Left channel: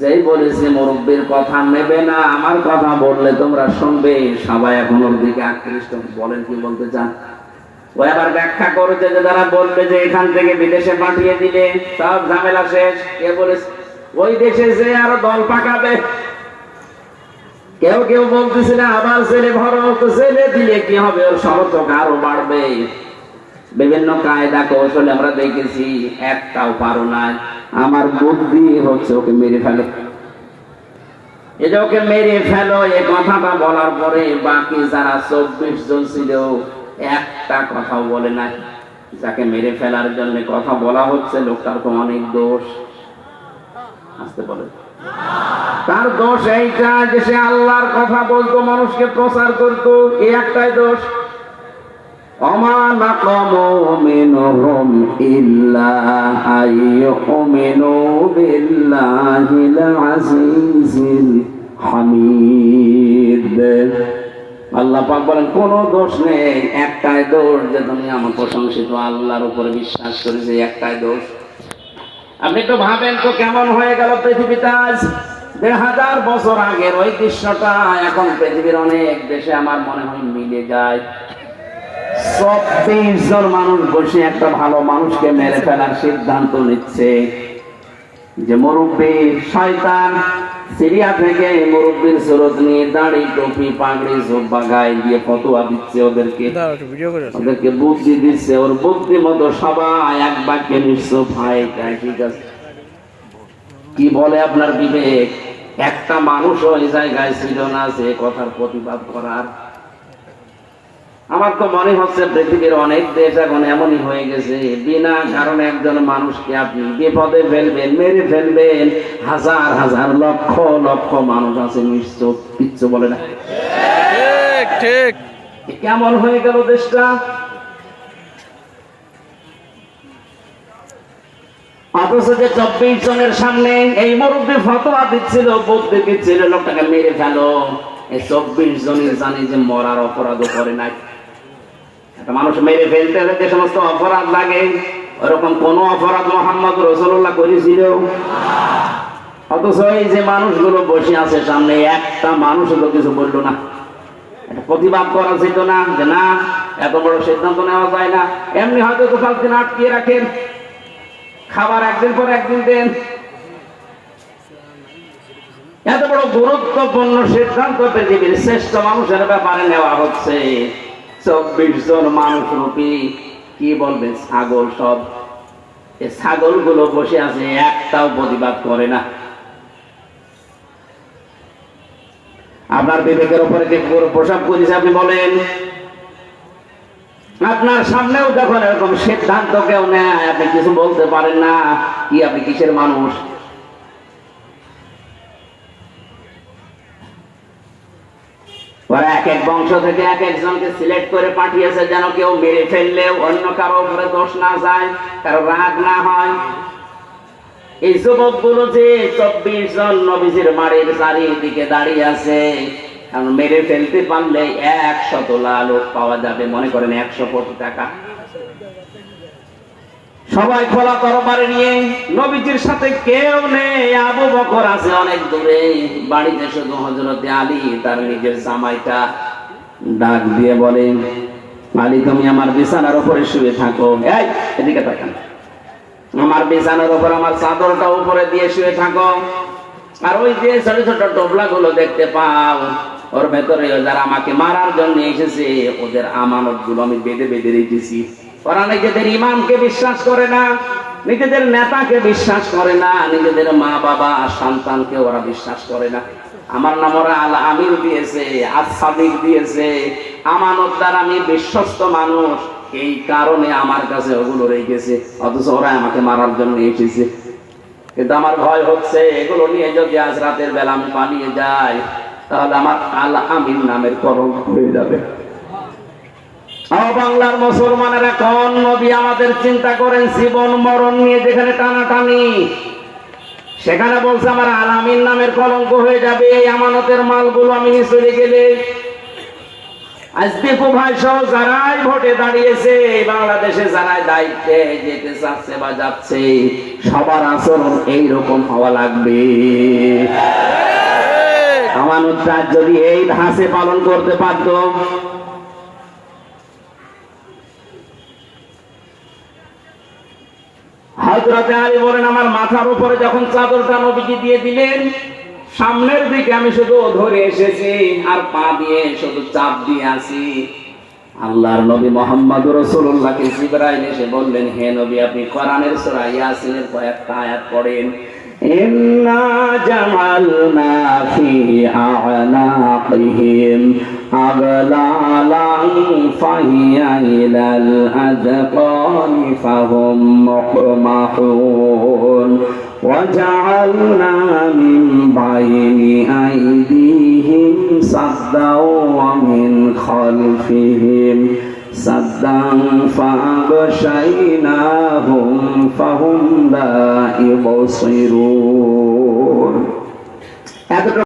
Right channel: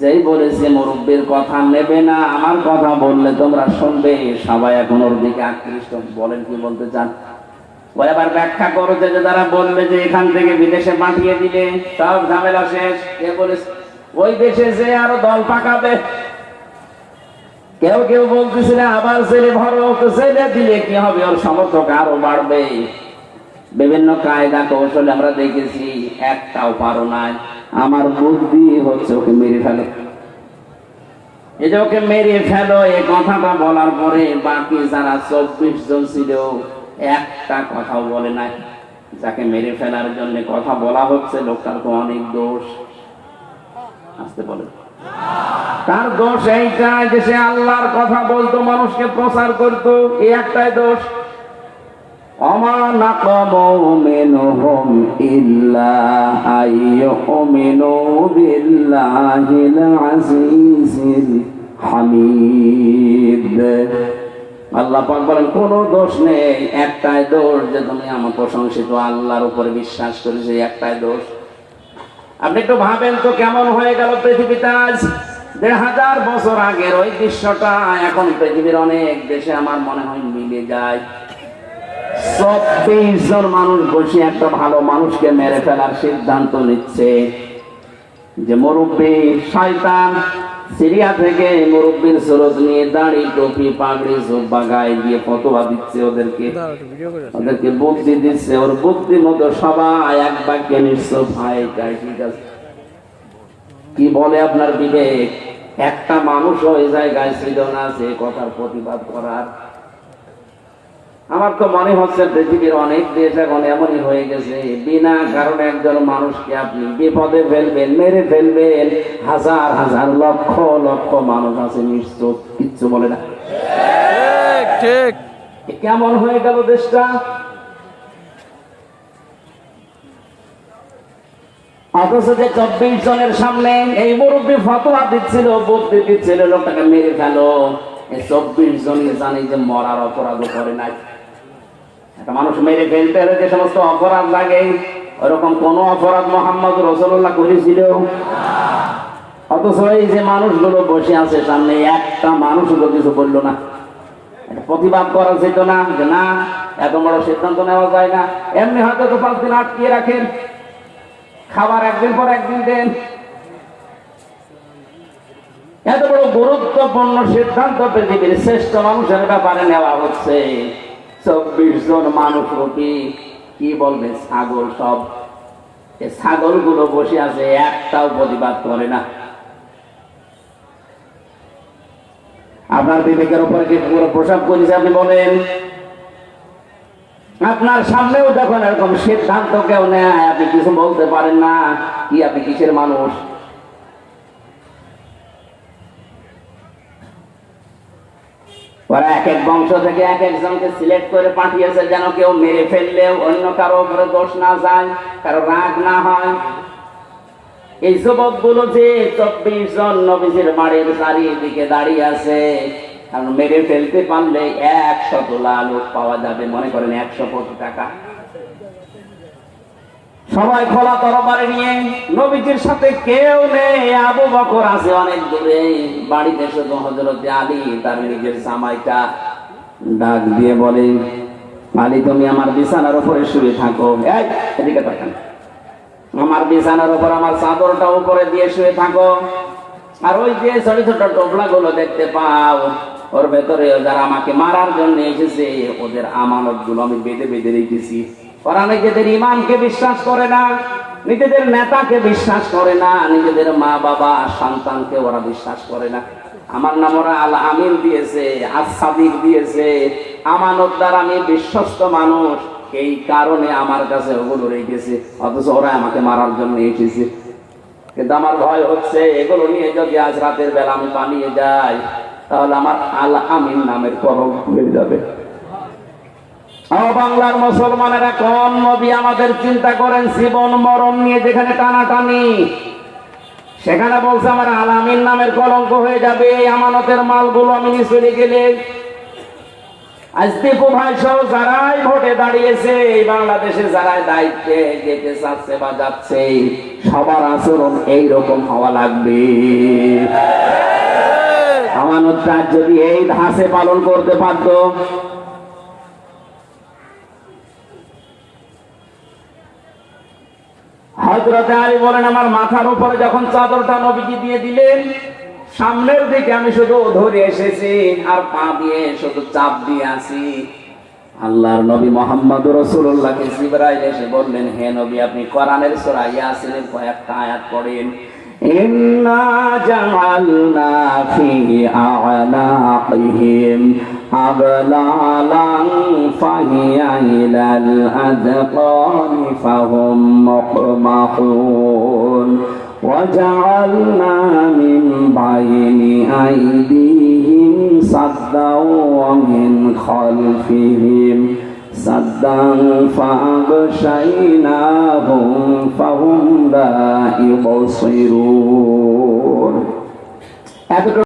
যেই বলেছে, মুরব্বীর কথা নেবে না, আমার কথা বললে তোমরা শুনবে। সবাই এখন ওর দিকে আকৃষ্ট। বলেন কি বলতে চান? ও এবার ব্যাখ্যা করেছে যে যারা বলবে যে এখান থেকে বিদেশে পাঠিয়ে দিলে সব ঝামেলা শেষ। কে বলেছে? ওই দেশে যে আরও দল পাকাবে। কেউ কেউ বলতেছে না, আবার ছেলে ছেলে দিলে কি হবে? ওর সমর্থক আরও বাড়বে। বিভিন্ন কায়দা কৌশলে আমরা দেখেছি, একটাও পারো নাই। আমার বুদ্ধি হচ্ছে ওকে মেরে ফেলে। যে ওকে মেরে ফেলো, এই কথাটা বলার পরে বাকি যারা চব্বিশ জন ছিল, একটা কথাও বলে নাই। যাকে মেরে ফেলার জন্য কথা বলা হচ্ছে, লোকটার তো অনেক দোষ। আসতে বলে তার দোষ এইটা যে সে আল্লাহর কথা বলতো, মানুষকে প্রচার করতো, এই একটাই দোষ। وما نقموا منهم إلا أن يؤمنوا بالله العزيز الحميد আল্লাহ পাক বলেন কোনো দোষ নেই একটাই দোষ যে তুমি আমার প্রশংসিত আল্লাহর উপরে বিশ্বাস করেছে একটাই দোষ আপনি একটু ভাবেন তো কেমন হয়ে গেল পৃথিবীতে আজ দেড় হাজার বছর আগের ওই দৃশ্যটা এখন পৃথিবীর অনেক দেশে আমার মনে হয় মিলে যায় চব্বিশ জন মানুষ বসে একটা ভালো মানুষকে মেরে ফেলার সিদ্ধান্ত নিচ্ছে। যে মুরব্বী শয়তান সিরিয়া থেকে মুরব্বীর সুরত নিয়ে দাড়ি টুপি পাগড়ি জুব্বা গায়ে দিয়ে ফতোয়া দিচ্ছে ওদেরকে। ওদেরকে বুদ্ধি দিচ্ছে। ওর বুদ্ধি মতো সবাই এক বাক্যে নিশ্চয় ভাই ঠিক আছে। কি বলে আপনার বিবেক? একটা মানুষ ওই জায়গায় ছিল না যে কথার প্রতিবাদ করার আমার তো মনে হচ্ছে পৃথিবীর অনেক দেশ এখন এমনই হয়ে গেছে। বিনা কারণে একজন মানুষকে আপনি বিপদে ফেলবেন মেরে ফেলবেন হাজার হাজার লক্ষ লক্ষ মানুষ আছে নিশ্চয় কিচ্ছু বলে না। ঠিক কেমন হয়ে গেল দেশটা? অথচ যে চব্বিশ জনের সামনে এই মুরব্বী ফতোয়া দিচ্ছিল বুদ্ধি দিচ্ছিল লোকটাকে মেরে ফেলো। এই চব্বিশ জনই জানি যে মরার অপরাধও করে নাই। একটা মানুষ মেরে ফেলতে হলে যে সমস্ত অপরাধ লাগে, ওরকম কোন অপরাধ মোহাম্মদ রসুল্লাহ করেছিল অথচ এই যে মানুষগুলো বসে আছে সামনে, একটা মানুষও কিছু বলল না। প্রতিবাদ করা যেত না যে না, এত বড় সিদ্ধান্ত নেওয়া যায় না। এমনি হয়তো দু পাঁচ দিন আটকিয়ে রাখেন। খাবার একদিন পর একদিন দেন। এত বড় গুরুত্বপূর্ণ সিদ্ধান্ত পৃথিবীর শ্রেষ্ঠ মানুষের ব্যাপারে নেওয়া হচ্ছে। চব্বিশ জন মানুষ রূপী, কি বলবে ছাগল সব? এই ছাগলগুলো বসে আছে, একটাও প্রতিবাদ করে না। আপনার বিবেকের উপরে পুরো প্রসাব করেছে আপনি বলেন, আপনার সামনেও যখন এরকম সিদ্ধান্ত কেউ নেয়, আপনি কিছু বলতে পারেন না, কি আপনি কিসের মানুষ? ওরা এক এক বংশ থেকে এক একজনকে সিলেক্ট করে পাঠিয়েছে যেন কেউ মেরে ফেললে অন্য কারও ঘরে দোষ না যায়, কারও রাগ না হয়। এই যুবকগুলো যে চব্বিশ জন নবীজির বাড়ির চারিদিকে দাঁড়িয়ে আছে, কারণ মেরে ফেলতে পারলে একশত লাল পাওয়া যাবে। মনে করেন একশো কোটি টাকা। সবাই খোলা তরবারে নিয়ে, নবীজির সাথে কেউ নেই, আবু বকর আছে অনেক দূরে। বাড়িতে শুধু হজরতে আলী, তার নিজের জামাইটা ডাক দিয়ে বলে, আলী, তুমি আমার বিছানার উপরে শুয়ে থাকো। এই, এদিকে তাকান। আমার বিছানার উপর আমার চাদরটা উপরে দিয়ে শুয়ে থাকো। আর ওই যে ছোট ছোট টোপলা গুলো দেখতে পাও, ওর ভেতরে যারা আমাকে মারার জন্য এসেছে, ওদের আমানতগুলো আমি বেঁধে বেঁধে রেখেছি। ওরা নিজেদের ইমানকে বিশ্বাস করে না, নিজেদের নেতাকে বিশ্বাস করে না, নিজেদের মা বাবা, সন্তানকে ওরা বিশ্বাস করে না। আমার নাম ওরা আল আমিন দিয়েছে আসাদিক দিয়েছে আমানত দ্বারা আমি বিশ্বস্ত মানুষ, এই কারণে আমার কাছে ওগুলো রেখেছে, অথচ ওরা আমাকে মারার জন্য এসেছে। কিন্তু আমার ভয় হচ্ছে, এগুলো নিয়ে যদি আজ রাতের বেলা আমি পালিয়ে যাই, তাহলে আমার আল আমিন নামের করম হয়ে যাবে। বাংলার মুসলমানেরা কোন নবী আমাদের চিন্তা করেন? জীবন, মরণ নিয়ে যেখানে টানাটানি। সেখানে বলছে, আমার আলামিন নামের কলঙ্ক হয়ে যাবে, এই আমানতের মালগুলো আমি চলে গেলে। ভাই সহ যারাই ভোটে দাঁড়িয়েছে, এই বাংলাদেশে যারাই দায়িত্বে যেতে চাচ্ছে বা যাচ্ছে, সবার আচরণ এইরকম হওয়া লাগবে। আমানতটা যদি এই ধাঁচে পালন করতে পারত হজরতে আলী বলেন, আমার মাথার উপরে যখন চাদরটা নবীজি দিয়ে দিলেন, সামনের দিকে আমি শুধু ধরে এসেছি আর পা দিয়ে শুধু চাপ দিয়ে আছি। আল্লাহর নবী মোহাম্মদ রসুল্লাহকে জিবরাইল এসে বললেন, হে নবী, আপনি কোরআনের সূরা ইয়াসিনের কয়েকটা আয়াত পড়েন। ইন্না জামালনা ফি আ'নাকিহিম أغلالا فهي إلى الأذقان فهم مقمحون وجعلنا من بين أيديهم سدا ومن خلفهم سدا فأغشيناهم فهم لا يبصرون